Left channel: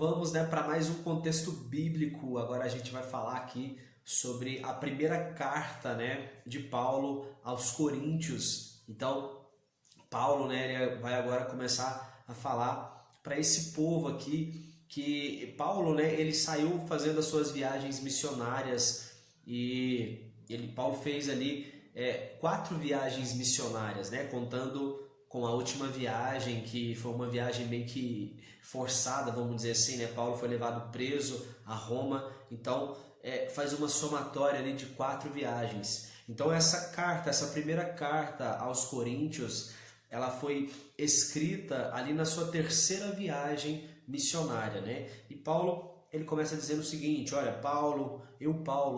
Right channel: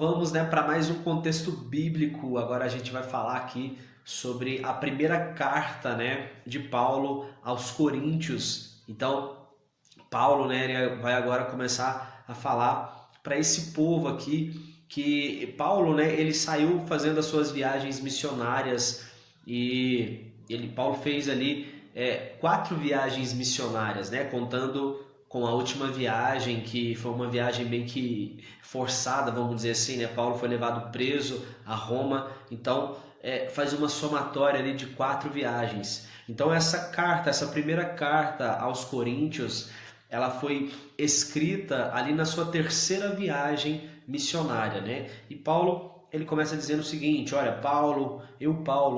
vamos, né, para mais um contexto bíblico. Agora a gente vai falar aqui sobre a primeira carta, né, de Paulo aos Coríntios. Então, Paulo, né, ele vai agora começar a falar para esse povo aqui que Paulo, né, ele saiu fazendo as suas viagens missionárias e Paulo fez ali 4 viagens missionárias, né, contando com a última viagem, que foi uma viagem bem que forçada, vamos dizer assim, né? Paulo foi levado preso a Roma, então faz uma somatória ali de 4 viagens. Então essa primeira carta aos Coríntios, ela foi escrita ali na sua terceira viagem missionária, né? E Paulo, ele começa dizendo o seguinte: olha, Paulo,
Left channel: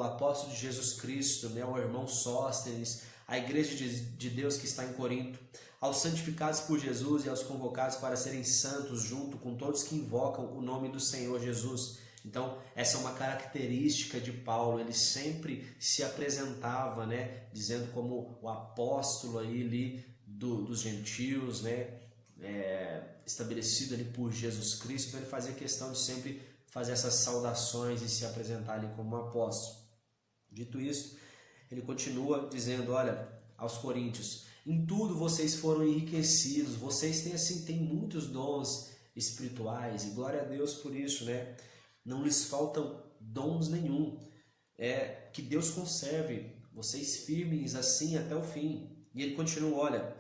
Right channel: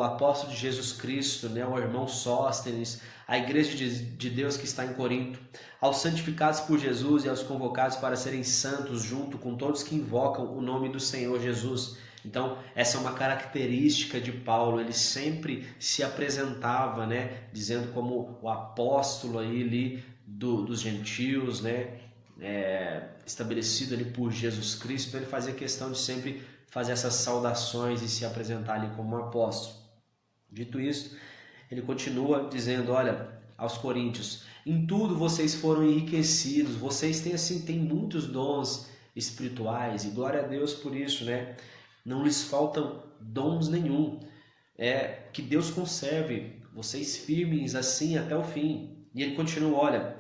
apóstolo de Jesus Cristo, né, o irmão Sóstenes, a igreja de Deus que está em Corinto, aos santificados por Jesus e aos convocados para serem santos, junto com todos que invocam o nome do Senhor Jesus. Então, essa é uma característica de Paulo, ele sempre se apresentava, né, dizendo como o apóstolo ali dos gentios, né, estabelecido ali por Jesus Cristo. Então, ele fazia questão de sempre fazer essas saudações e se apresentar ali como um apóstolo. Dito isso, ele continua dizendo, olha, aos Coríntios: em tudo vocês foram enriquecidos, vocês têm muitos dons espirituais, e glória a Deus por isso, né? Não lhes faltam dons nenhum. Que Deus conserve vocês firmes assim até o fim. E ele continua, olha,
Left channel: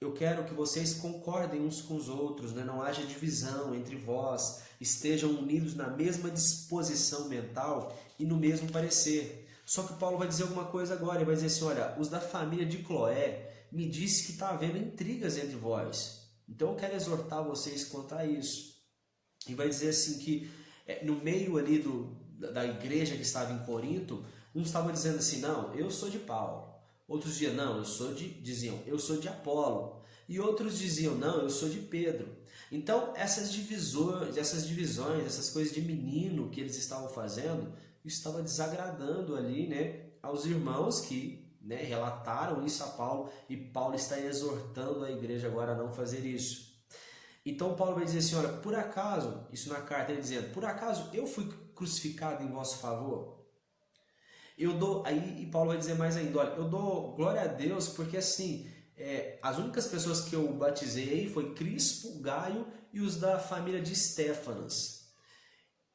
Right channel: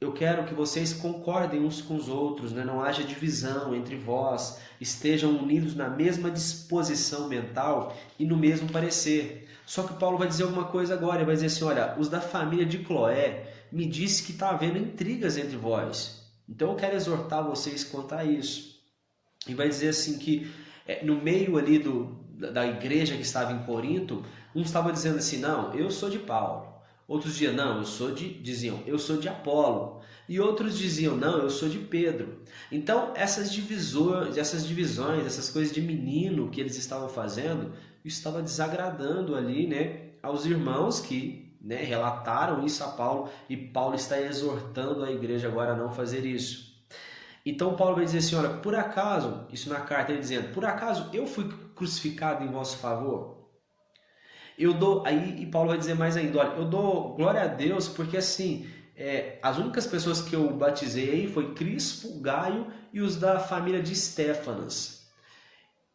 eu quero que vocês concordem uns com os outros, né? Não haja divisão entre vós, estejam unidos na mesma disposição mental e no mesmo parecer. Só que Paulo vai dizer alguma coisa agora, ele vai dizer assim, olha, os da família de Cloé me disse que está havendo intrigas entre vós. Então eu quero exortar vocês quanto a isso. E vai dizer assim que no meio ali da igreja que estava em Corinto, uns estavam dizendo assim, não, eu sou de Paulo. Outros diziam, não, diziam, eu sou de Apolo. E outros diziam, não, eu sou de Pedro. Então essas divisões, essas coisas de menino que eles estavam fazendo, estava desagradando ali, né, aos irmãos que, né, relataram isso a Paulo, e Paulo está exortando a igreja agora a não fazer isso. Então Paulo vai dizer assim, olha, por acaso, isso na carta ele dizendo, por acaso eu fui crucificado em vosso favor? E Paulo vai dizer mais ainda, olha, eu dou glória a Deus porque assim, as únicas pessoas que eu batizei aí foi Crispo, Gaio e os da família de Estéfanas.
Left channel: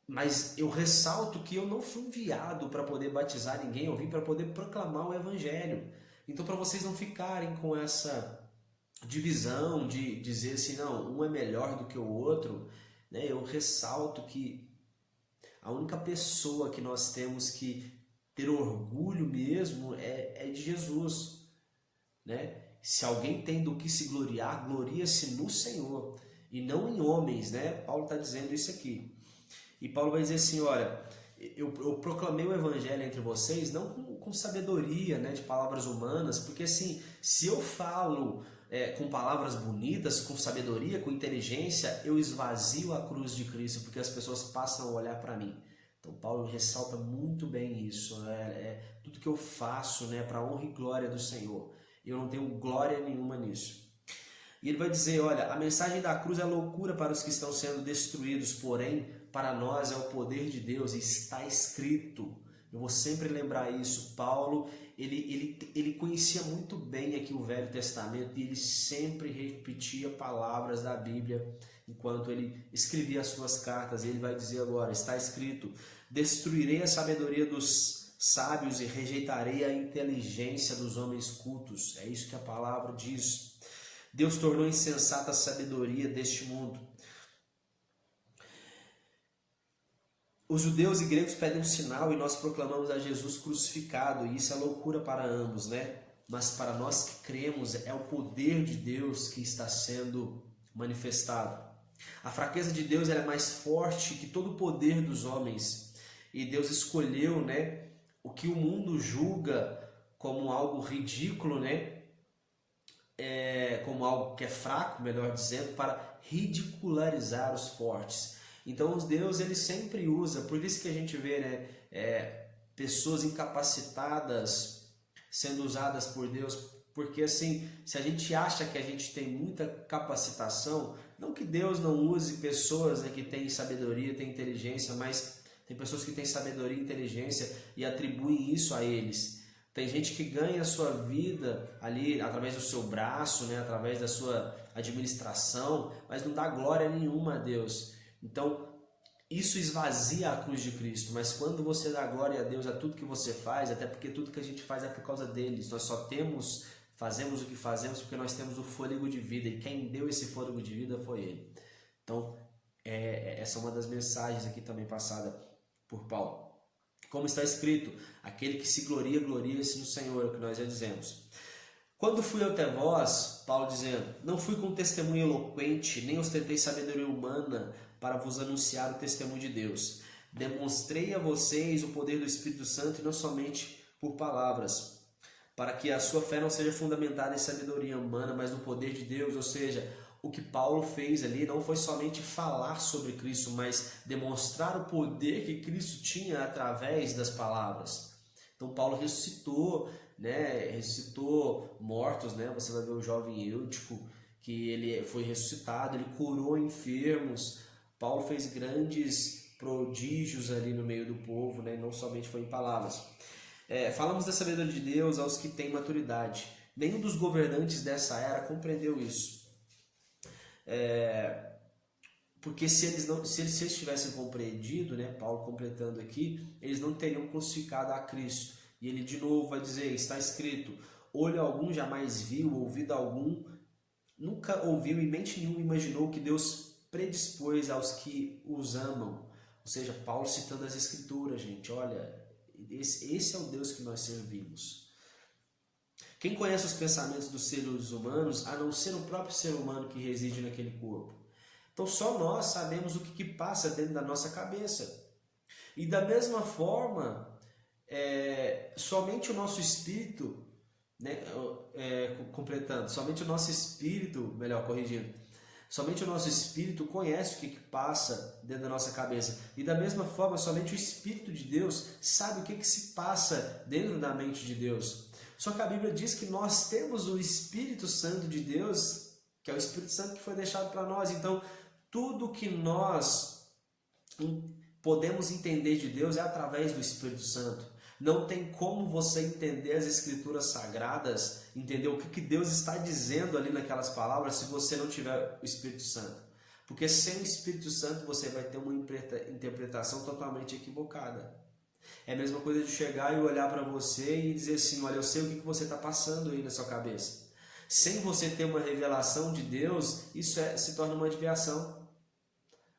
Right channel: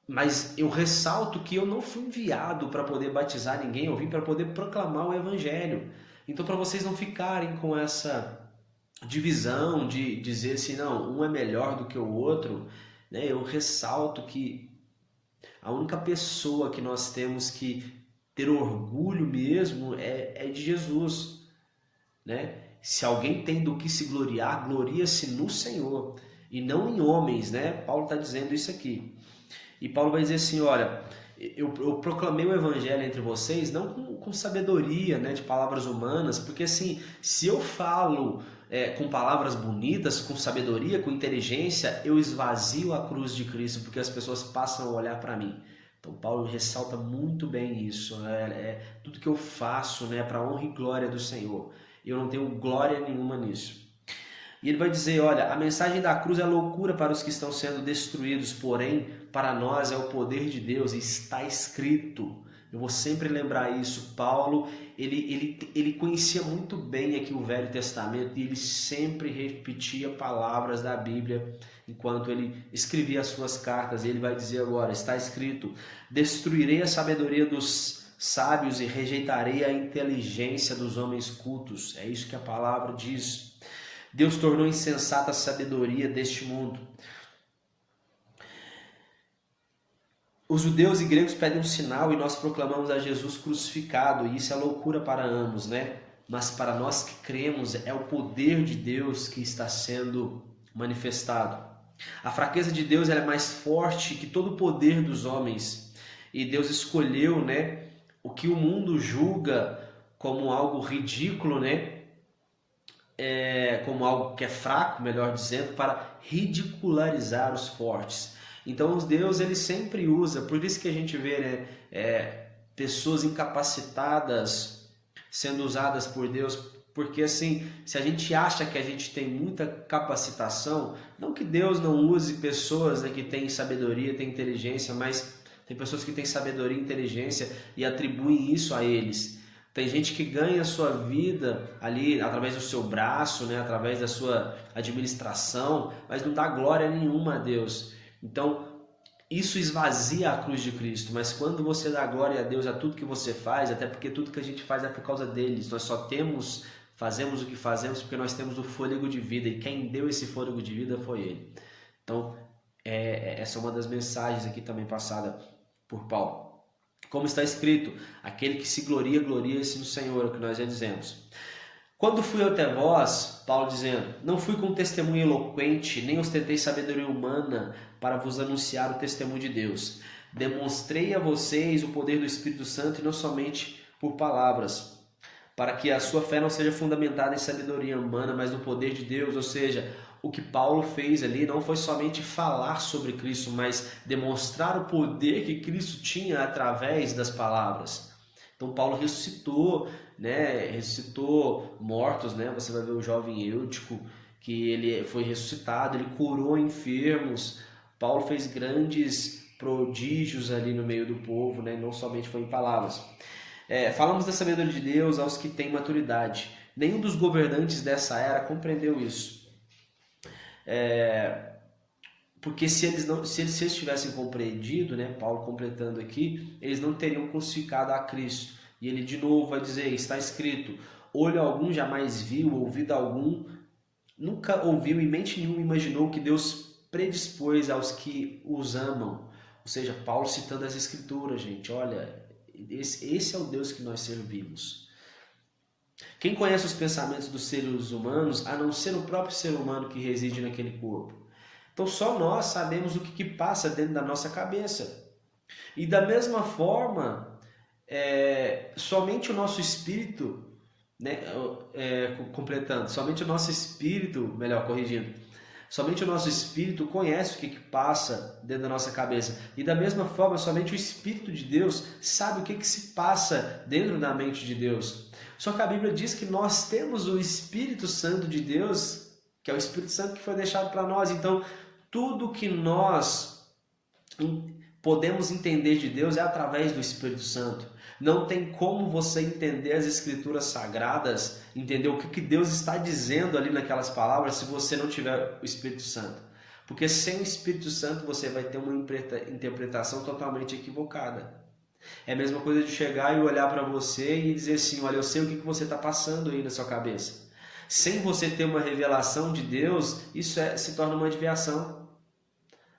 Mas eu ressalto que eu não fui enviado para poder batizar ninguém, eu vim para poder proclamar o evangelho. Então, para vocês não ficarem com essa divisão de dizer assim, não, um é melhor do que o outro, né? Eu ressalto que a única pessoa que nós temos que ter orgulho mesmo é de Jesus, né? Se alguém tem do que se gloriar, gloria-se no Senhor e não em homens, né? Paulo está dizendo isso aqui. E Paulo vai dizer assim, olha, eu proclamei o evangelho entre vocês não com sabedoria, né, de palavras humanas, porque assim, se eu falo com palavras bonitas, com sabedoria, com inteligência, eu esvazio a cruz de Cristo, porque as pessoas passam a olhar para mim. Então Paulo ressalta muito bem isso, tudo que eu faço, né, para a honra e glória do Senhor. Eu não tenho glória nenhuma nisso. E ele vai dizer, olha, a mensagem da cruz é loucura para os que estão sendo destruídos, porém, para nós é o poder de Deus, e está escrito. Eu vou sempre lembrar isso. Paulo, ele conhecia muito bem aqui o Velho Testamento, e ele sempre repetia palavras da Bíblia enquanto ele escrevia as suas cartas. E ele vai dizer agora, está escrito, destruirei a sabedoria dos sábios e rejeitarei a inteligência dos homens cultos. É isso que a palavra diz. Deus tornou insensata a sabedoria deste mundo. Os judeus e gregos pedem um sinal e nós proclamamos a Jesus crucificado, e isso é loucura para ambos, né? Mas para nós que cremos, é o poder de Deus que está sendo manifestado. A fraqueza de Deus ela é mais forte que todo o poder dos homens, e Deus escolheu, né, o que o mundo julga como algo ridículo, né? Como algo que é fraco, melhor dizendo, para ridicularizar os fortes. Então Deus ele sempre usa, por isso que a gente vê, né, pessoas incapacitadas sendo usadas por Deus Porque assim, se a gente acha que a gente tem muita capacitação, não que Deus não use pessoas, né, que têm sabedoria, têm inteligência, mas tem pessoas que têm sabedoria e inteligência e atribuem isso a eles. Tem gente que ganha a sua vida ali através do seu braço, né, através da sua administração, mas não dá glória nenhuma a Deus. Então, isso esvazia a cruz de Cristo, mas quando você dá glória a Deus a tudo que você faz, até porque tudo que a gente faz é por causa deles, nós só fazemos o que fazemos porque nós temos o fôlego de vida, e quem deu esse fôlego de vida foi Ele. Então, essa é uma das mensagens aqui também passada por Paulo. Como está escrito, aquele que se gloria, gloria-se no Senhor, é o que nós já dizemos. Quando fui até vós, Paulo dizendo, não fui com testemunho eloquente, nem ostentei sabedoria humana para vos anunciar o testemunho de Deus. Demonstrei a vocês o poder do Espírito Santo e não somente por palavras, para que a sua fé não seja fundamentada em sabedoria humana, mas no poder de Deus. Ou seja, o que Paulo fez ali não foi somente falar sobre Cristo, mas demonstrar o poder que Cristo tinha através das palavras. Então Paulo ressuscitou, né? Ressuscitou mortos, né? Você vai ver o jovem Eutico, que ele foi ressuscitado, ele curou enfermos. Paulo fez grandes prodígios ali no meio do povo, né? Não somente foi em palavras. Falamos da sabedoria de Deus aos que têm maturidade. Nenhum dos governantes dessa era compreendeu isso. Porque se eles tivessem compreendido, né, Paulo completando aqui, eles não teriam crucificado a Cristo. E ele de novo vai dizer, está escrito, olho algum jamais viu, ouvido algum nunca ouviu e mente nenhuma imaginou que Deus predispôs aos que os amam. Ou seja, Paulo citando as Escrituras, gente, olha, esse é o Deus que nós servimos. Quem conhece os pensamentos dos seres humanos, a não ser o próprio ser humano que reside naquele corpo? Então só nós sabemos o que passa dentro da nossa cabeça. E da mesma forma, somente o nosso espírito, né, completando, somente o nosso espírito, melhor corrigindo, somente o nosso espírito conhece o que passa dentro da nossa cabeça. E da mesma forma, somente o Espírito de Deus sabe o que se passa dentro da mente de Deus. Só que a Bíblia diz que nós temos o Espírito Santo de Deus, que é o Espírito Santo que foi deixado para nós. Então, tudo que nós podemos entender de Deus é através do Espírito Santo. Não tem como você entender as Escrituras Sagradas, entender o que Deus está dizendo ali naquelas palavras, se você não tiver o Espírito Santo. Porque sem o Espírito Santo você vai ter uma interpretação totalmente equivocada. É a mesma coisa de chegar e olhar para você e dizer assim, olha, eu sei o que você está passando aí na sua cabeça. Sem você ter uma revelação de Deus, isso se torna uma adivinhação.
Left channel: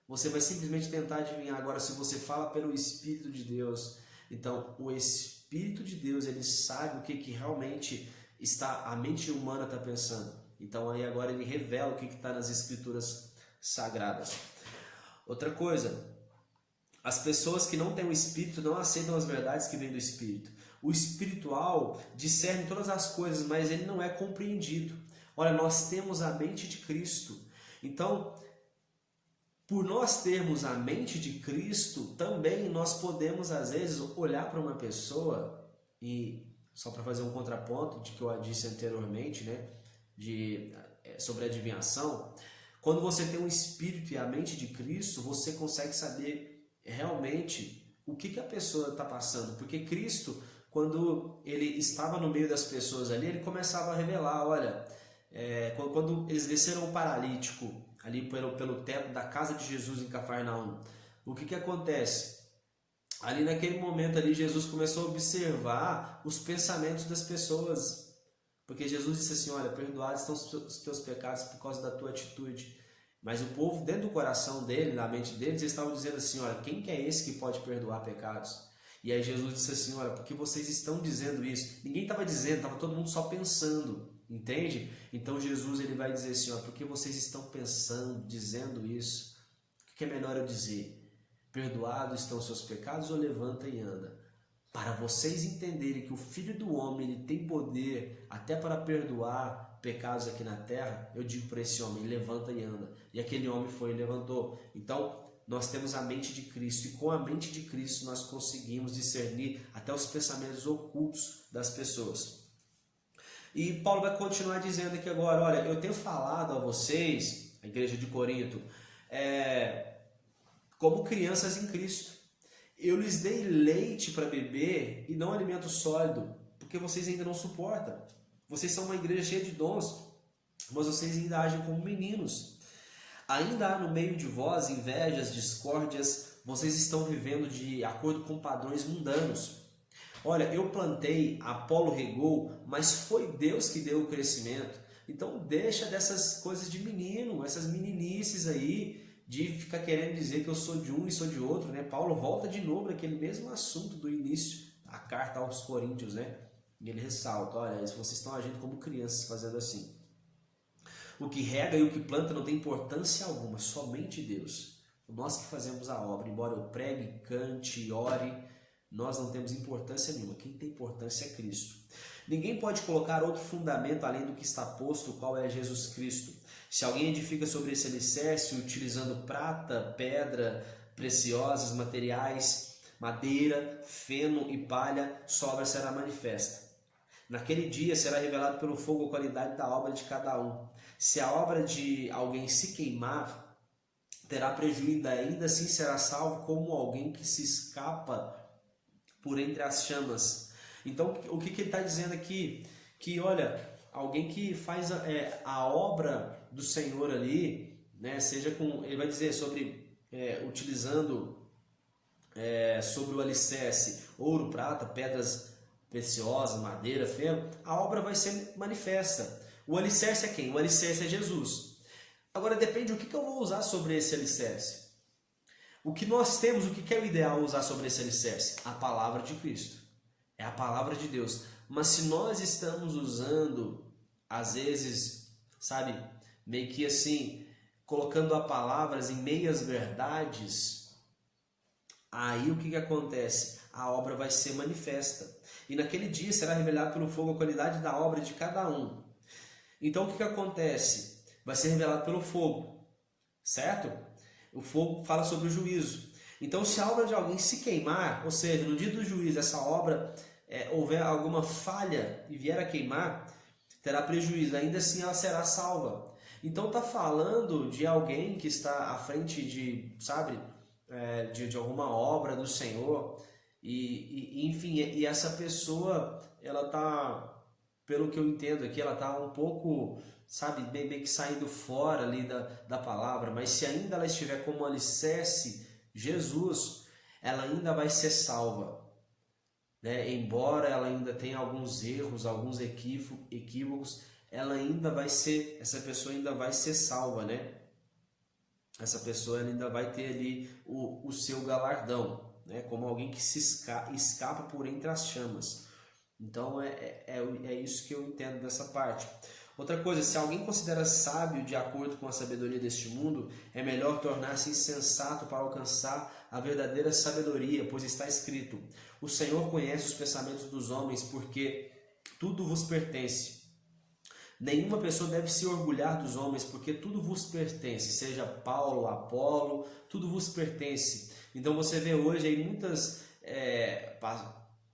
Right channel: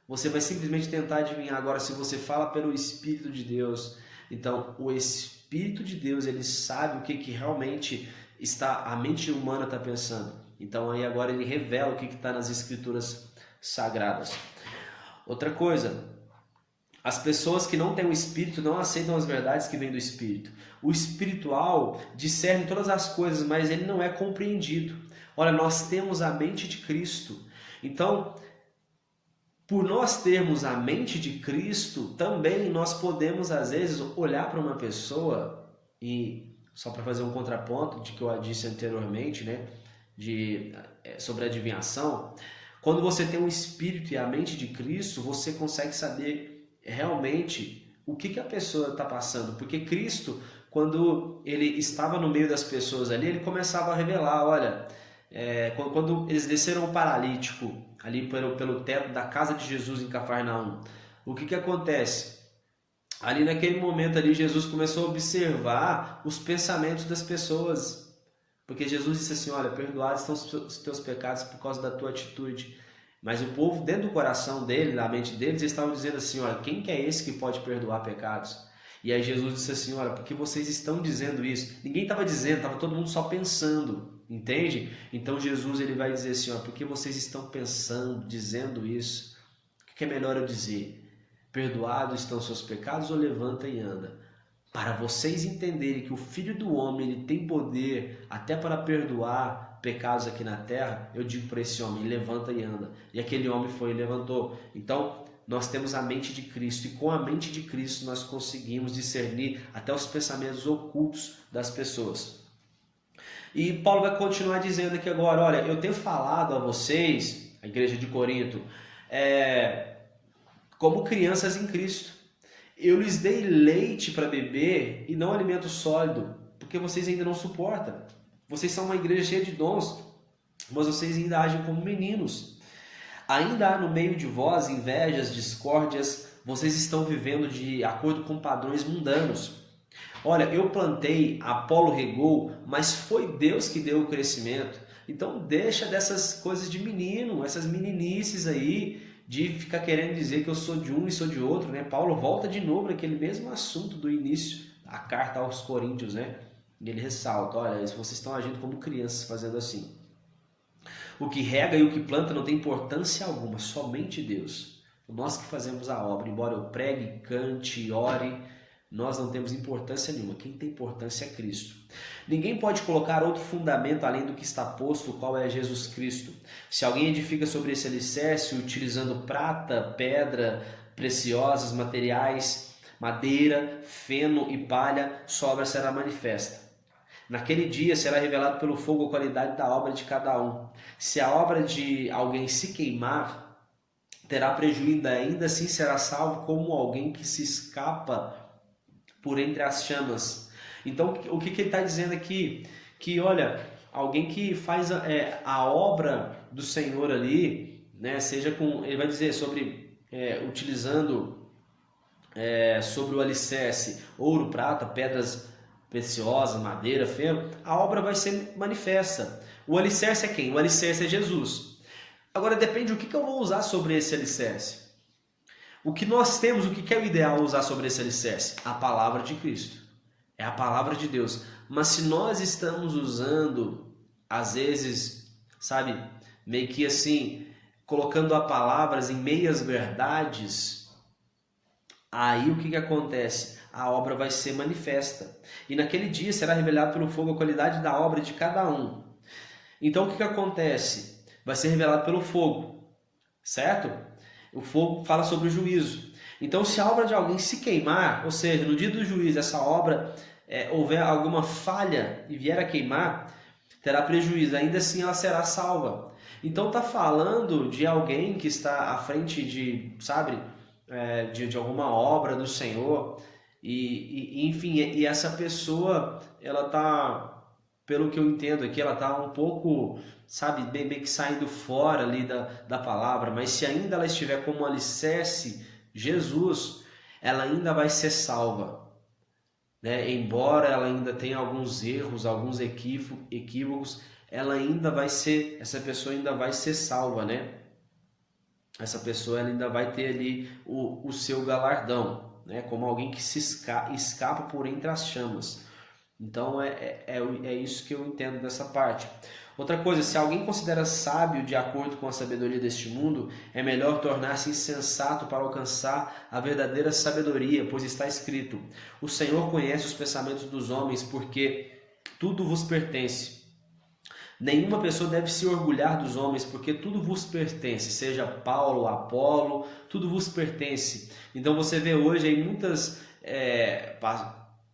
Você vai simplesmente tentar adivinhar. Agora, se você fala pelo Espírito de Deus, então o Espírito de Deus, ele sabe o que realmente a mente humana está pensando. Então aí agora ele revela o que está nas Escrituras Sagradas. Outra coisa, as pessoas que não têm o Espírito não aceitam as verdades que vêm do Espírito. O espiritual discerne todas as coisas, mas ele não é compreendido. Olha, nós temos a mente de Cristo. Então, por nós termos a mente de Cristo, também nós podemos, às vezes, olhar para uma pessoa e, só para fazer um contraponto de que eu disse anteriormente, né, sobre adivinhação, quando você tem o Espírito e a mente de Cristo, você consegue saber realmente o que a pessoa está passando, porque Cristo, quando ele estava no meio das pessoas ali, ele começava a revelar, olha, quando eles desceram o paralítico ali pelo teto da casa de Jesus em Cafarnaum, o que acontece? Ali naquele momento ali, Jesus começou a observar os pensamentos das pessoas, porque Jesus disse assim, olha, perdoados estão os teus pecados por causa da tua atitude. Mas o povo, dentro do coração dele, da mente deles, eles estavam dizendo assim, olha, quem que é esse que pode perdoar pecados? E aí Jesus disse assim, olha, porque vocês estão dizendo isso? Ninguém estava dizendo, estava todo mundo só pensando, entende? Então Jesus ele vai dizer assim, olha, porque vocês estão pensando, dizendo isso? O que é melhor eu dizer? Perdoados estão seus pecados ou levanta e anda? Para vocês entenderem que o Filho do Homem ele tem poder até para perdoar pecados aqui na terra, eu digo para esse homem, levanta e anda. E aquele homem foi e levantou. Então, nós temos a mente de Cristo, e com a mente de Cristo nós conseguimos discernir até os pensamentos ocultos das pessoas. E Paulo vai continuar dizendo aqui agora, olha, eu tenho falado a vocês, a igreja de Corinto, como crianças em Cristo. Eu lhes dei leite para beber e não alimento sólido, porque vocês ainda não suportam. Vocês são uma igreja cheia de dons, mas vocês ainda agem como meninos. Ainda há no meio de vós invejas, discórdias, vocês estão vivendo de acordo com padrões mundanos. Olha, eu plantei, Apolo regou, mas foi Deus que deu o crescimento. Então deixa dessas coisas de menino, essas meninices aí, de ficar querendo dizer que eu sou de um e sou de outro, né? Paulo volta de novo naquele mesmo assunto do início, a carta aos Coríntios, né? E ele ressalta, olha, vocês estão agindo como crianças fazendo assim. O que rega e o que planta não tem importância alguma, somente Deus. Nós que fazemos a obra, embora eu pregue, cante, ore, nós não temos importância nenhuma. Quem tem importância é Cristo. Ninguém pode colocar outro fundamento além do que está posto, o qual é Jesus Cristo. Se alguém edifica sobre esse alicerce, utilizando prata, pedra, preciosas, materiais, madeira, feno e palha, sua obra será manifesta. Naquele dia será revelado pelo fogo a qualidade da obra de cada um. Se a obra de alguém se queimar, terá prejuízo, ainda assim será salvo como alguém que se escapa por entre as chamas. Então, o que ele está dizendo aqui? Que, olha, alguém que faz a obra do Senhor ali, né, seja com, ele vai dizer sobre, utilizando sobre o alicerce, ouro, prata, pedras preciosas, madeira, feno, a obra vai ser manifesta. O alicerce é quem? O alicerce é Jesus. Agora depende o que eu vou usar sobre esse alicerce. O que nós temos, o que é o ideal usar sobre esse alicerce? A palavra de Cristo. É a palavra de Deus. Mas se nós estamos usando, às vezes, sabe, meio que assim, colocando a palavras em meias verdades, aí o que acontece? A obra vai ser manifesta. E naquele dia será revelado pelo fogo a qualidade da obra de cada um. Então o que acontece? Vai ser revelado pelo fogo, certo? O fogo fala sobre o juízo. Então se a obra de alguém se queimar, ou seja, no dia do juízo essa obra houver alguma falha e vier a queimar, terá prejuízo, ainda assim ela será salva. Então está falando de alguém que está à frente de, sabe, de alguma obra do Senhor, enfim, e essa pessoa, ela está, pelo que eu entendo aqui, ela está um pouco, sabe, bem que saindo fora ali da palavra, mas se ainda ela estiver como alicerce, Jesus, ela ainda vai ser salva, né? Embora ela ainda tenha alguns erros, alguns equívocos, ela ainda vai ser, essa pessoa ainda vai ser salva, né? Essa pessoa ela ainda vai ter ali o seu galardão, né? Como alguém que se escapa por entre as chamas. Então é isso que eu entendo dessa parte. Outra coisa, se alguém considera sábio de acordo com a sabedoria deste mundo, é melhor tornar-se insensato para alcançar a verdadeira sabedoria, pois está escrito: o Senhor conhece os pensamentos dos homens, porque tudo vos pertence. Nenhuma pessoa deve se orgulhar dos homens, porque tudo vos pertence, seja Paulo, Apolo, tudo vos pertence. Então você vê hoje aí muitas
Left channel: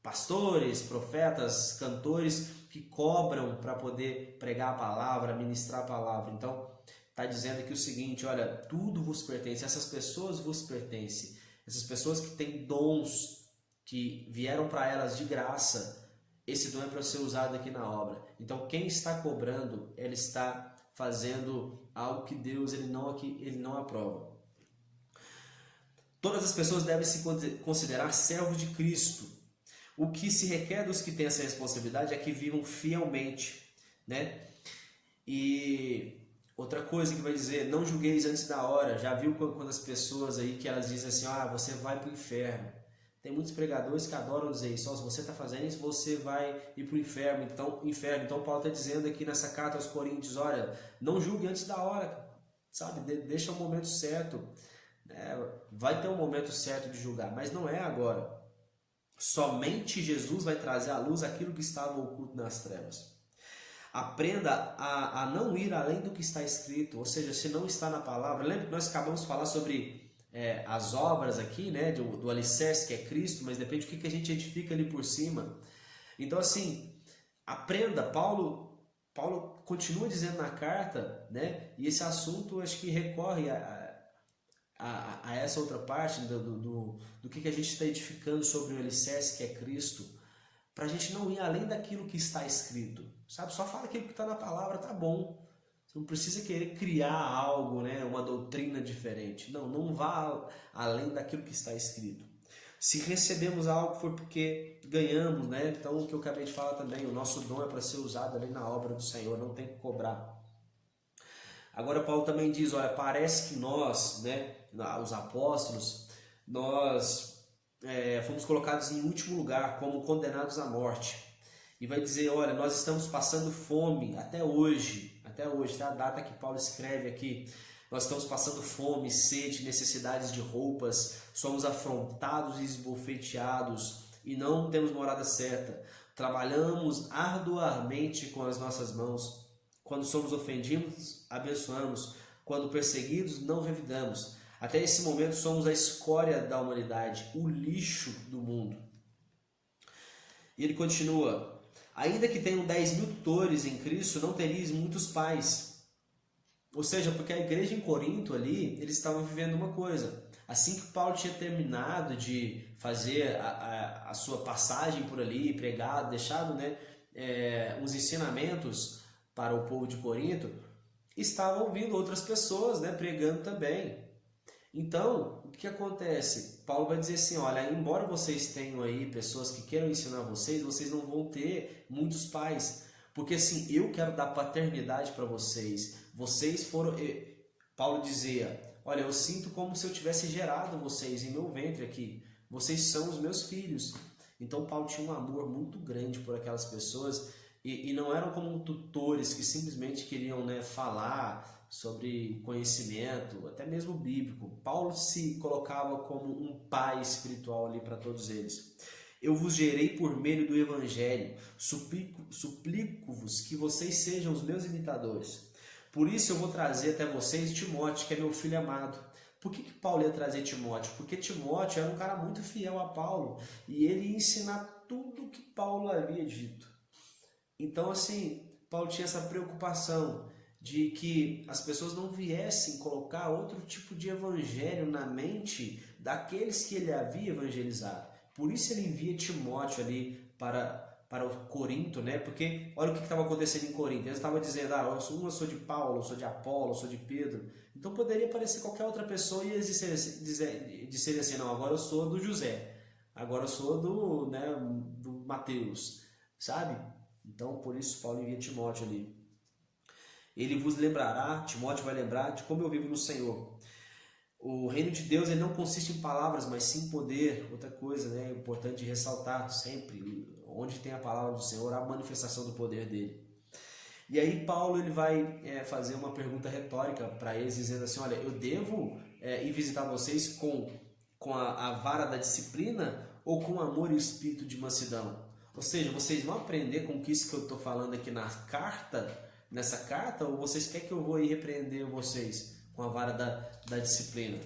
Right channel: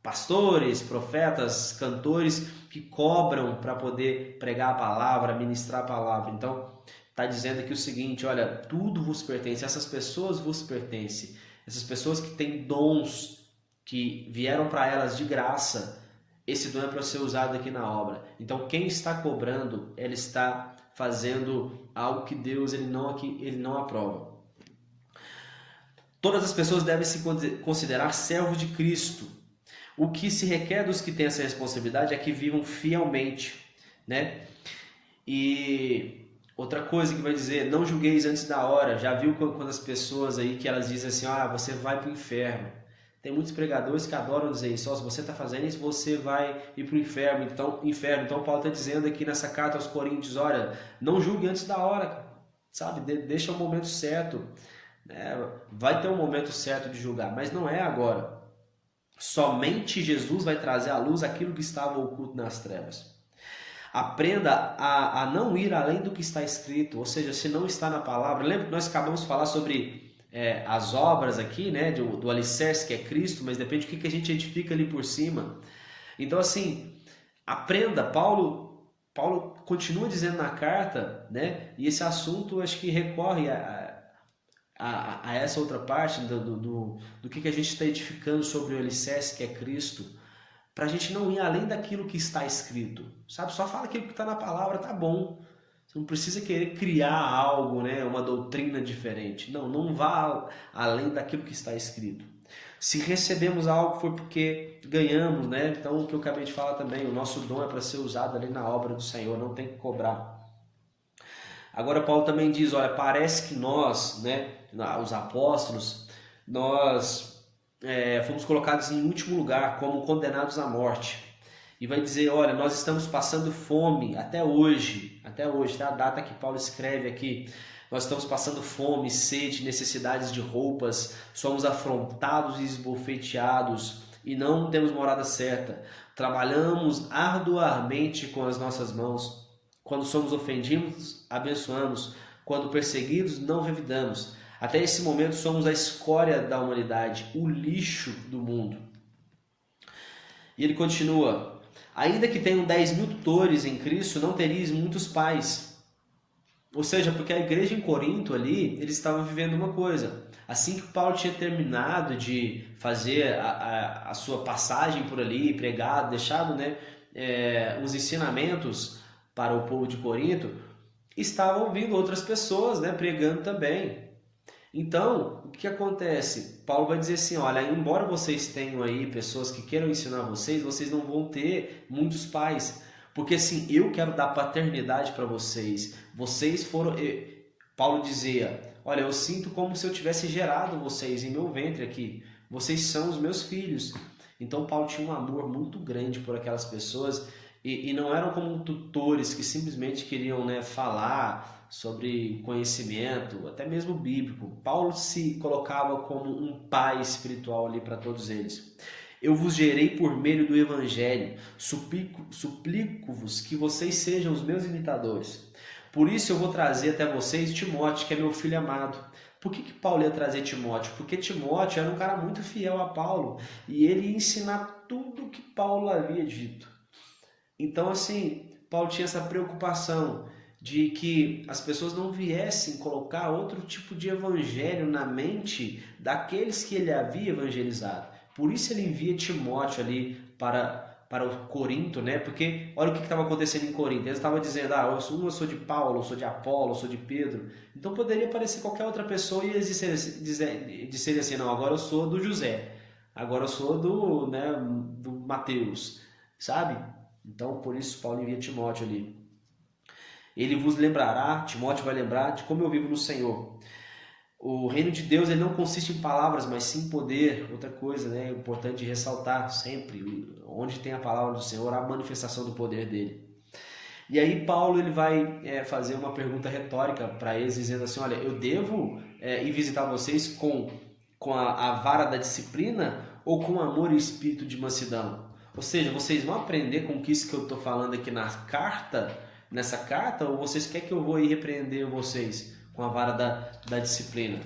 pastores, profetas, cantores que cobram para poder pregar a palavra, ministrar a palavra. Então está dizendo aqui o seguinte, olha, tudo vos pertence, essas pessoas vos pertencem, essas pessoas que têm dons que vieram para elas de graça, esse dom é para ser usado aqui na obra. Então quem está cobrando, ele está fazendo algo que Deus ele não aprova. Todas as pessoas devem se considerar servos de Cristo. O que se requer dos que têm essa responsabilidade é que vivam fielmente, né? E outra coisa que vai dizer, não julgueis antes da hora. Já viu quando as pessoas aí que elas dizem assim, você vai para o inferno. Tem muitos pregadores que adoram dizer isso, se você está fazendo isso, você vai ir para o inferno. Então Paulo está dizendo aqui nessa carta aos Coríntios, olha, não julgue antes da hora, sabe? Deixa o momento certo. Vai ter um momento certo de julgar, mas não é agora. Somente Jesus vai trazer à luz aquilo que estava oculto nas trevas. Aprenda a não ir além do que está escrito, ou seja, se não está na palavra. Lembra que nós acabamos de falar sobre as obras aqui, né, do alicerce que é Cristo, mas depende do que a gente edifica ali por cima. Então assim, aprenda, Paulo Paulo continua dizendo na carta, né? E esse assunto acho que recorre a essa outra parte do que a gente está edificando sobre o alicerce que é Cristo, para a gente não ir além daquilo que está escrito, sabe? Só fala aquilo que está na palavra, tá bom. Você não precisa querer criar algo, né? Uma doutrina diferente. Não, não vá além daquilo que está escrito. Se recebemos algo foi porque ganhamos, né? Então o que eu acabei de falar também, o nosso dom é para ser usado ali na obra do Senhor, não tem que cobrar. Agora Paulo também diz, olha, parece que nós, né, os apóstolos, nós fomos colocados em último lugar, como condenados à morte. E vai dizer, olha, nós estamos passando fome até hoje, tá? A data que Paulo escreve aqui, nós estamos passando fome, sede, necessidades de roupas, somos afrontados e esbofeteados e não temos morada certa. Trabalhamos arduamente com as nossas mãos. Quando somos ofendidos, abençoamos. Quando perseguidos, não revidamos. Até esse momento somos a escória da humanidade, o lixo do mundo. E ele continua, ainda que tenham 10.000 tutores em Cristo, não terias muitos pais. Ou seja, porque a igreja em Corinto ali, eles estavam vivendo uma coisa. Assim que Paulo tinha terminado de fazer a sua passagem por ali, pregado, deixado, né, os ensinamentos para o povo de Corinto, estavam vindo outras pessoas, né, pregando também. Então, o que acontece? Paulo vai dizer assim, olha, embora vocês tenham aí pessoas que queiram ensinar vocês, vocês não vão ter muitos pais. Porque assim, eu quero dar paternidade para vocês. Vocês foram... Paulo dizia, olha, eu sinto como se eu tivesse gerado vocês em meu ventre aqui. Vocês são os meus filhos. Então Paulo tinha um amor muito grande por aquelas pessoas e não eram como tutores que simplesmente queriam, né, falar sobre conhecimento, até mesmo bíblico. Paulo se colocava como um pai espiritual ali para todos eles. Eu vos gerei por meio do Evangelho, suplico-vos que vocês sejam os meus imitadores. Por isso eu vou trazer até vocês Timóteo, que é meu filho amado. Por que Paulo ia trazer Timóteo? Porque Timóteo era um cara muito fiel a Paulo e ele ia ensinar tudo o que Paulo havia dito. Então, assim, Paulo tinha essa preocupação de que as pessoas não viessem colocar outro tipo de evangelho na mente daqueles que ele havia evangelizado. Por isso ele envia Timóteo ali para o Corinto, né? Porque olha o que estava acontecendo em Corinto. Eles estavam dizendo, eu sou de Paulo, eu sou de Apolo, eu sou de Pedro. Então poderia parecer qualquer outra pessoa e eles disserem assim, não, agora eu sou do José, agora eu sou do Mateus, sabe? Então por isso Paulo envia Timóteo ali. Ele vos lembrará, Timóteo vai lembrar de como eu vivo no Senhor. O reino de Deus ele não consiste em palavras, mas sim em poder. Outra coisa, né, importante de ressaltar sempre, onde tem a palavra do Senhor, há a manifestação do poder dele. E aí Paulo ele vai fazer uma pergunta retórica para eles, dizendo assim, olha, eu devo ir visitar vocês com a vara da disciplina ou com amor e espírito de mansidão? Ou seja, vocês vão aprender com isso que eu estou falando aqui nessa carta, ou vocês querem que eu vou ir repreender vocês com a vara da disciplina?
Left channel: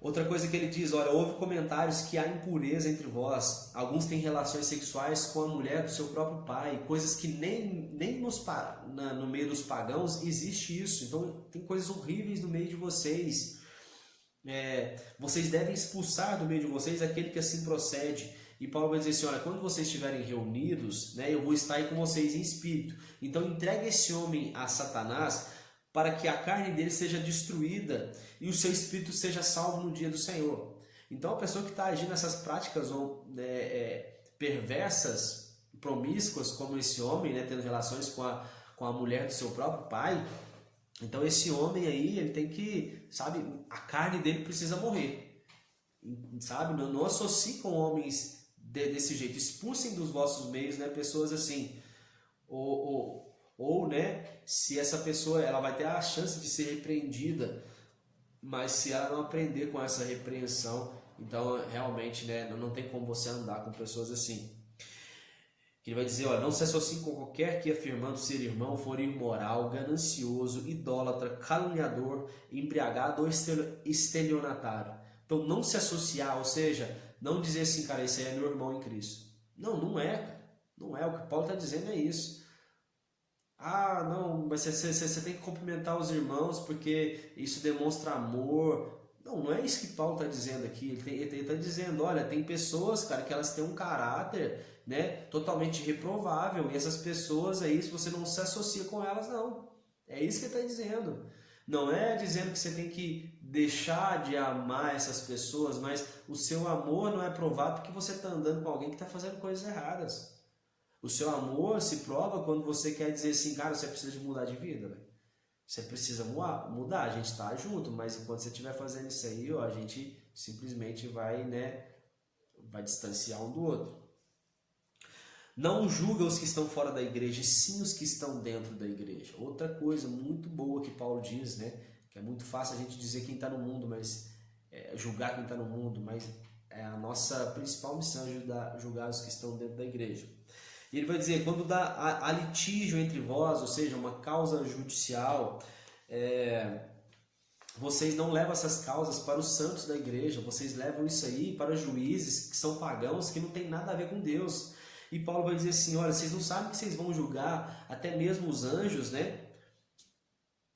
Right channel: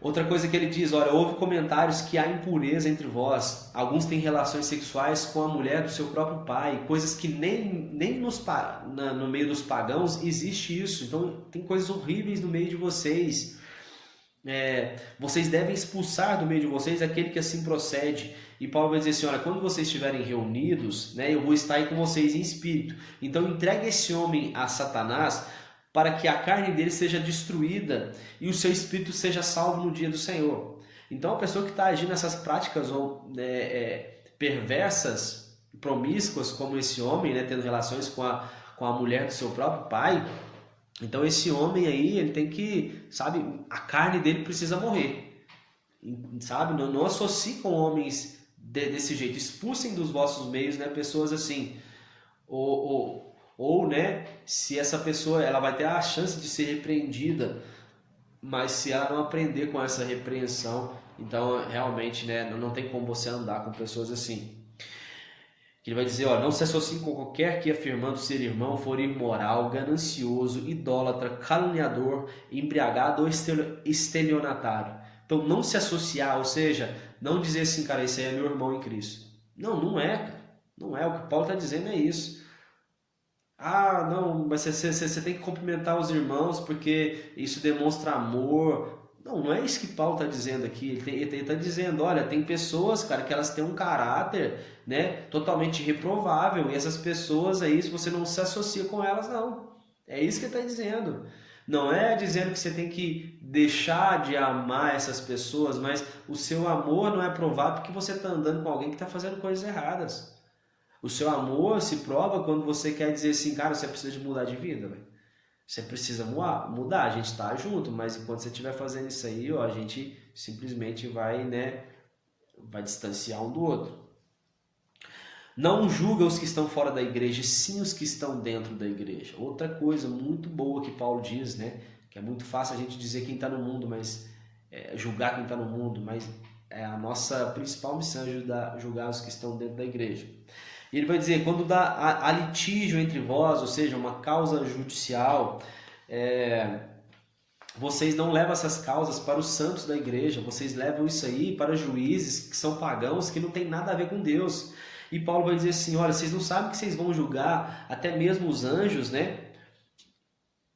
Outra coisa que ele diz, olha, houve comentários que há impureza entre vós, alguns têm relações sexuais com a mulher do seu próprio pai, coisas que nem no meio dos pagãos existe isso, então tem coisas horríveis no meio de vocês. Vocês devem expulsar do meio de vocês aquele que assim procede. E Paulo vai dizer assim, olha, quando vocês estiverem reunidos, né, eu vou estar aí com vocês em espírito. Então entregue esse homem a Satanás para que a carne dele seja destruída e o seu espírito seja salvo no dia do Senhor. Então a pessoa que está agindo nessas práticas perversas, promíscuas, como esse homem, né, tendo relações com a mulher do seu próprio pai, então esse homem aí, ele tem que, sabe, a carne dele precisa morrer, sabe, não associe com homens desse jeito, expulsem dos vossos meios, né, pessoas assim, ou né, se essa pessoa, ela vai ter a chance de ser repreendida, mas se ela não aprender com essa repreensão, então realmente, né, não tem como você andar com pessoas assim. Ele vai dizer, não se associe com qualquer que afirmando ser irmão for imoral, ganancioso, idólatra, caluniador, embriagado ou estelionatário. Então não se associar, ou seja, não dizer assim, cara, esse aí é meu irmão em Cristo. Não é, cara. Não é, o que Paulo está dizendo é isso. Ah, não, mas você tem que cumprimentar os irmãos porque isso demonstra amor. Não, não é isso que Paulo está dizendo aqui. Ele está dizendo, olha, tem pessoas, cara, que elas têm um caráter, né, totalmente reprovável. E essas pessoas aí, se você não se associa com elas, não. É isso que ele está dizendo. Não é dizendo que você tem que deixar de amar essas pessoas, mas o seu amor não é provado porque você está andando com alguém que está fazendo coisas erradas. O seu amor se prova quando você quer dizer assim, cara, você precisa de mudar de vida, véio. Você precisa mudar, a gente tá junto, mas enquanto você estiver fazendo isso aí, ó, a gente simplesmente vai, né, vai distanciar um do outro. Não julga os que estão fora da igreja, sim os que estão dentro da igreja. Outra coisa muito boa que Paulo diz, né, que é muito fácil a gente dizer quem está no mundo, mas julgar quem está no mundo, mas é a nossa principal missão é julgar os que estão dentro da igreja. E ele vai dizer, quando há litígio entre vós, ou seja, uma causa judicial, vocês não levam essas causas para os santos da igreja, vocês levam isso aí para juízes que são pagãos, que não tem nada a ver com Deus. E Paulo vai dizer assim, olha, vocês não sabem que vocês vão julgar até mesmo os anjos, né?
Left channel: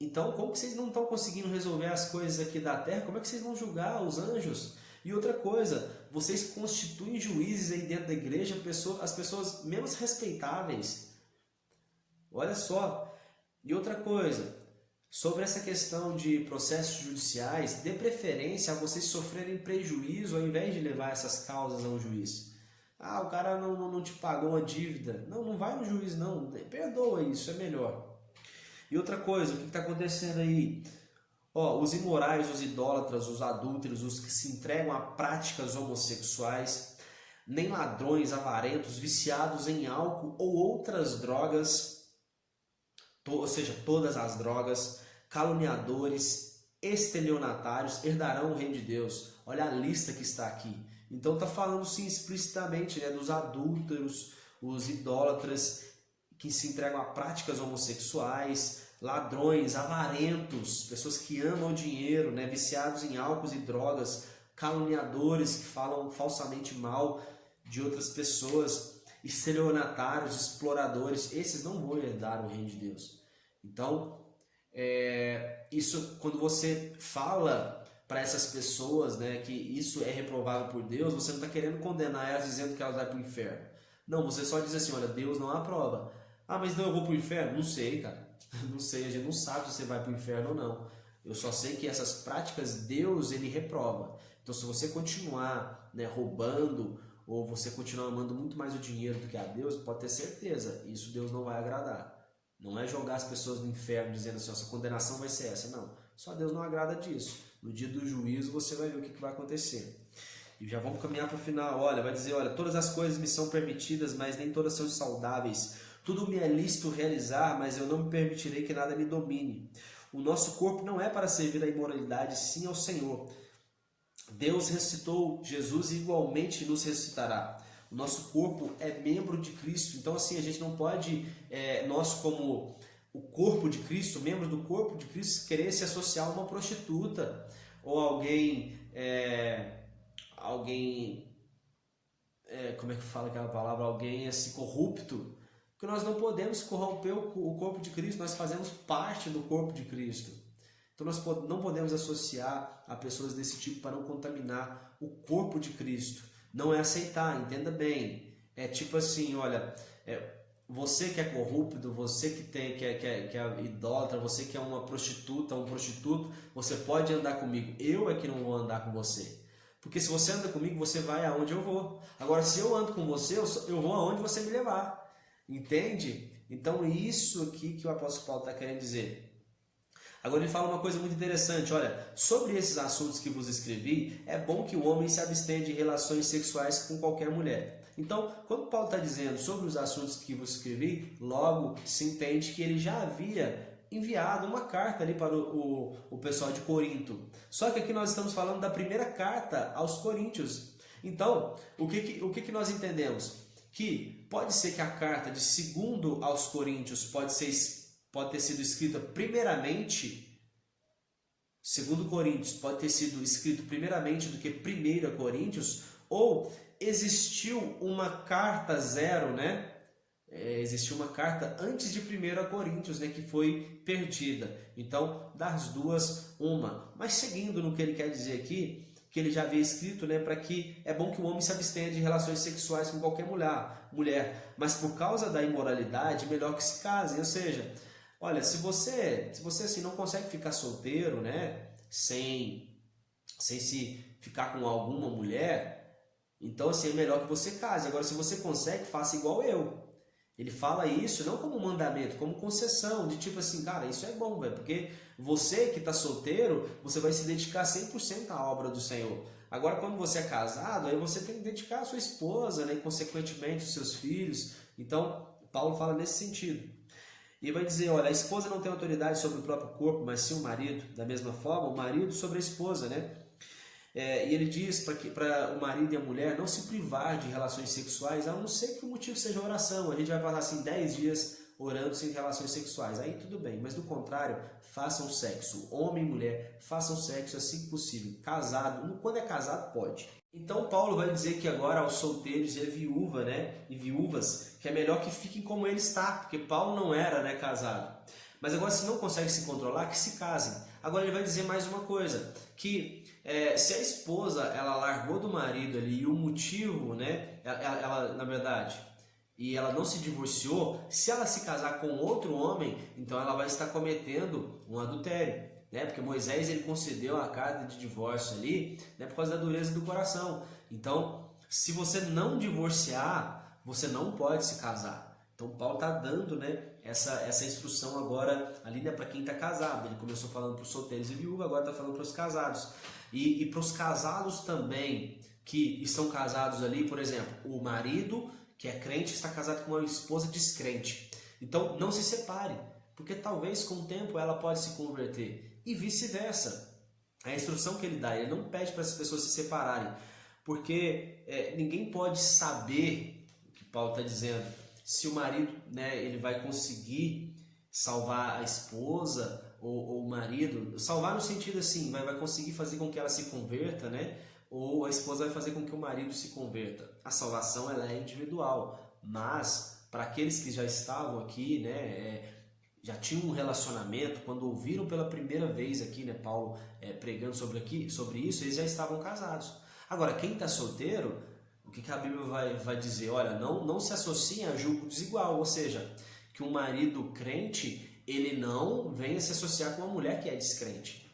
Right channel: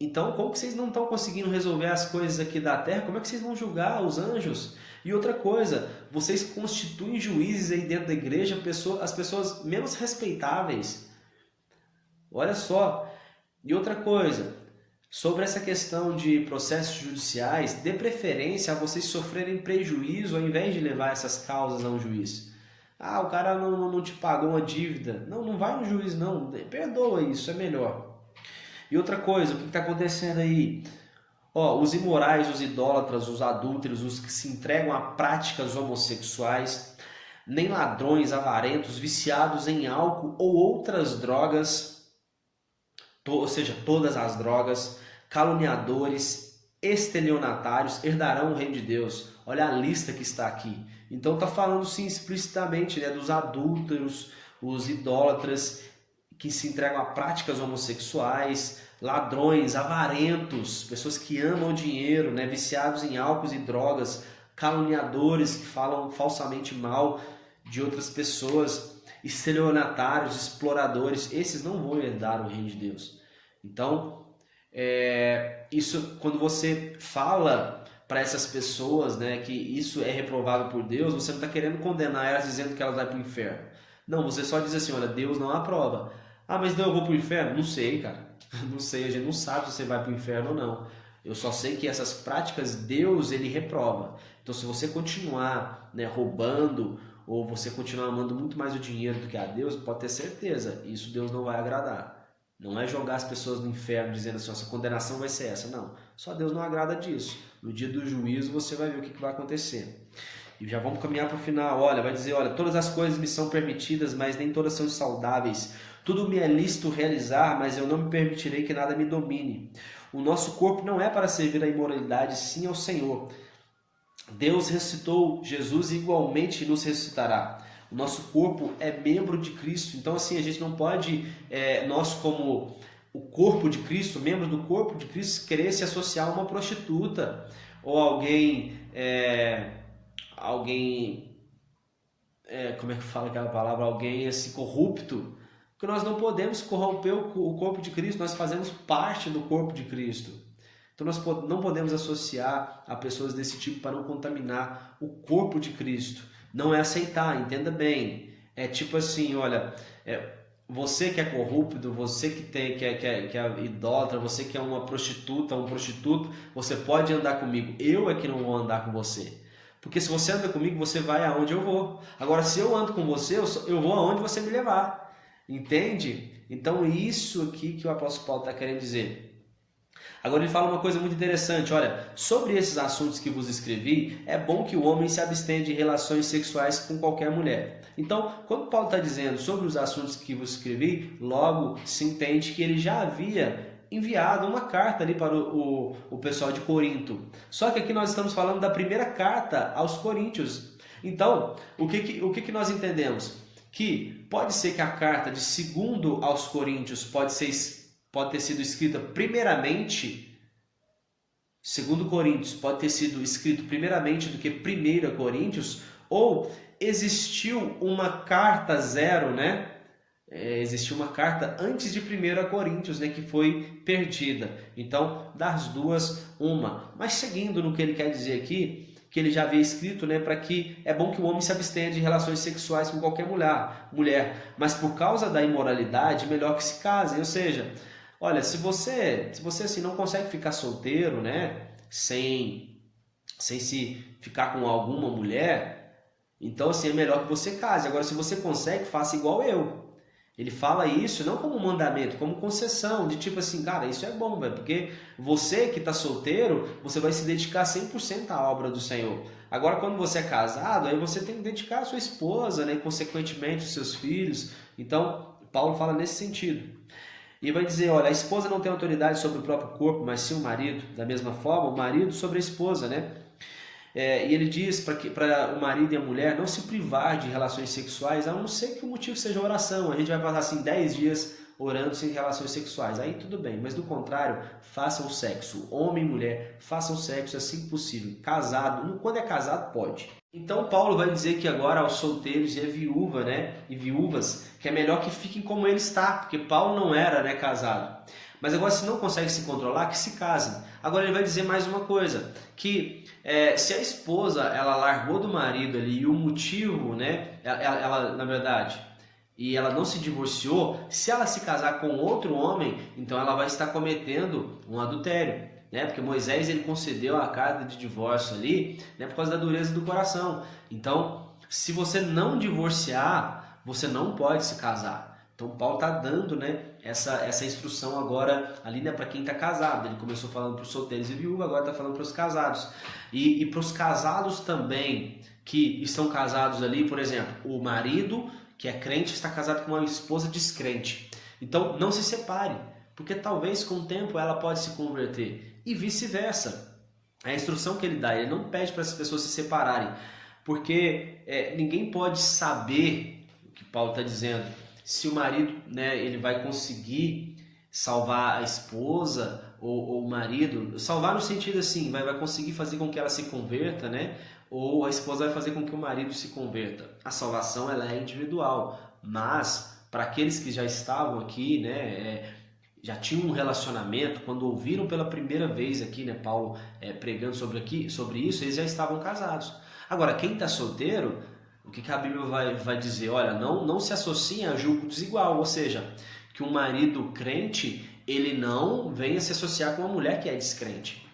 Então, como que vocês não estão conseguindo resolver as coisas aqui da terra? Como é que vocês vão julgar os anjos? E outra coisa, vocês constituem juízes aí dentro da igreja, as pessoas menos respeitáveis. Olha só. E outra coisa, sobre essa questão de processos judiciais, dê preferência a vocês sofrerem prejuízo ao invés de levar essas causas a um juiz. Ah, o cara não te pagou uma dívida. Não vai no juiz não, perdoa isso, é melhor. E outra coisa, o que está acontecendo aí? Os imorais, os idólatras, os adúlteros, os que se entregam a práticas homossexuais, nem ladrões, avarentos, viciados em álcool ou outras drogas, ou seja, todas as drogas, caluniadores, estelionatários, herdarão o reino de Deus. Olha a lista que está aqui. Então está falando sim explicitamente, né, dos adúlteros, os idólatras que se entregam a práticas homossexuais, ladrões, avarentos, pessoas que amam o dinheiro, né, viciados em álcool e drogas, caluniadores que falam falsamente mal de outras pessoas, estelionatários, exploradores, esses não vão herdar o reino de Deus. Então, isso quando você fala para essas pessoas, né, que isso é reprovável por Deus, você não está querendo condenar elas dizendo que elas vão para o inferno. Não, você só diz assim, olha, Deus não aprova. Ah, mas não, eu vou para o inferno? Não sei, cara. Não sei, a gente não sabe se você vai para o inferno ou não. Eu só sei que essas práticas Deus ele reprova. Então se você continuar, né, roubando ou você continuar amando muito mais o dinheiro do que a Deus, pode ter certeza, isso Deus não vai agradar. Não é jogar as pessoas no inferno dizendo assim, nossa condenação vai ser essa. Não, só Deus não agrada disso. No dia do juízo você vai ver o que vai acontecer. E já vamos caminhar para o final. Olha, vai dizer, olha, todas as coisas me são permitidas, mas nem todas são saudáveis. Tudo me é lícito realizar, mas eu não me permitirei que nada me domine. O nosso corpo não é para servir à imoralidade, sim ao Senhor. Deus ressuscitou Jesus e igualmente nos ressuscitará. O nosso corpo é membro de Cristo. Então, assim, a gente não pode, nós como o corpo de Cristo, membros do corpo de Cristo, querer se associar a uma prostituta ou alguém, como é que fala aquela palavra? Alguém assim, corrupto. Porque nós não podemos corromper o corpo de Cristo, nós fazemos parte do corpo de Cristo. Então nós não podemos associar a pessoas desse tipo para não contaminar o corpo de Cristo. Não é aceitar, entenda bem. É tipo assim, olha, você que é corrupto, você que é idólatra, você que é uma prostituta, um prostituto, você pode andar comigo. Eu é que não vou andar com você. Porque se você anda comigo, você vai aonde eu vou. Agora, se eu ando com você, eu vou aonde você me levar. Entende? Então, isso aqui que o apóstolo Paulo está querendo dizer. Agora ele fala uma coisa muito interessante, olha, sobre esses assuntos que vos escrevi, é bom que o homem se abstenha de relações sexuais com qualquer mulher. Então, quando Paulo está dizendo sobre os assuntos que vos escrevi, logo se entende que ele já havia enviado uma carta ali para o pessoal de Corinto. Só que aqui nós estamos falando da primeira carta aos Coríntios. Então, o que nós entendemos? Que pode ser que a carta de 2 aos Coríntios pode ter sido escrita primeiramente, 2 Coríntios pode ter sido escrito primeiramente do que 1 Coríntios, ou existiu uma carta zero, né? existia uma carta antes de 1 Coríntios, né, que foi perdida. Então, das duas, uma. Mas seguindo no que ele quer dizer aqui, que ele já havia escrito, né, para que é bom que o homem se abstenha de relações sexuais com qualquer mulher, mas por causa da imoralidade, melhor que se case. Ou seja, olha, se você assim não consegue ficar solteiro, né, sem se ficar com alguma mulher, então assim é melhor que você case. Agora, se você consegue, faça igual eu. Ele fala isso não como mandamento, como concessão, de tipo assim, cara, isso é bom, velho, porque você que está solteiro, você vai se dedicar 100% à obra do Senhor. Agora, quando você é casado, aí você tem que dedicar a sua esposa, né, e consequentemente os seus filhos. Então, Paulo fala nesse sentido. E vai dizer, olha, a esposa não tem autoridade sobre o próprio corpo, mas sim o marido. Da mesma forma, o marido sobre a esposa, né? E ele diz para o marido e a mulher não se privar de relações sexuais, a não ser que o motivo seja oração. A gente vai passar assim 10 dias orando sem relações sexuais. Aí tudo bem, mas do contrário, façam sexo. Homem e mulher, façam sexo assim que possível. Casado, quando é casado, pode. Então Paulo vai dizer que agora aos solteiros e a viúva, né, e viúvas, que é melhor que fiquem como ele está, porque Paulo não era, né, casado. Mas agora, se não consegue se controlar, que se casem. Agora ele vai dizer mais uma coisa, que se a esposa ela largou do marido ali e o motivo, né, ela na verdade, e ela não se divorciou, se ela se casar com outro homem, então ela vai estar cometendo um adultério, né? Porque Moisés ele concedeu a carta de divórcio ali, né, por causa da dureza do coração. Então, se você não divorciar, você não pode se casar. Então Paulo está dando, né, essa instrução agora ali, né, para quem está casado. Ele começou falando para os solteiros e viúvas, agora está falando para os casados. E para os casados também que estão casados ali, por exemplo, o marido que é crente está casado com uma esposa descrente. Então não se separe, porque talvez com o tempo ela pode se converter e vice-versa. A instrução que ele dá, ele não pede para as pessoas se separarem, porque ninguém pode saber o que Paulo está dizendo. Se o marido, né, ele vai conseguir salvar a esposa ou o marido, salvar no sentido assim, vai conseguir fazer com que ela se converta, né? Ou a esposa vai fazer com que o marido se converta. A salvação ela é individual, mas para aqueles que já estavam aqui, né, já tinham um relacionamento, quando ouviram pela primeira vez aqui, né, Paulo pregando sobre isso, eles já estavam casados. Agora, quem está solteiro, o que a Bíblia vai dizer? Olha, não se associe a julgo desigual, ou seja, que um marido crente, ele não venha se associar com uma mulher que é descrente.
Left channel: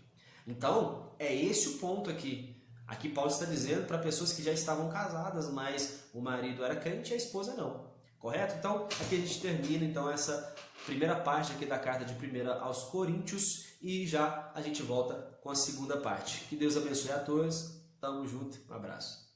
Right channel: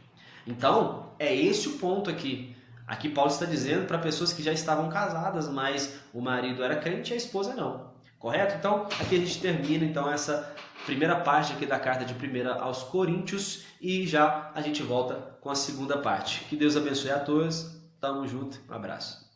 Então, é esse o ponto aqui. Aqui Paulo está dizendo para pessoas que já estavam casadas, mas o marido era crente e a esposa não. Correto? Então, aqui a gente termina então essa primeira parte aqui da carta de 1 aos Coríntios e já a gente volta com a segunda parte. Que Deus abençoe a todos. Tamo junto. Um abraço.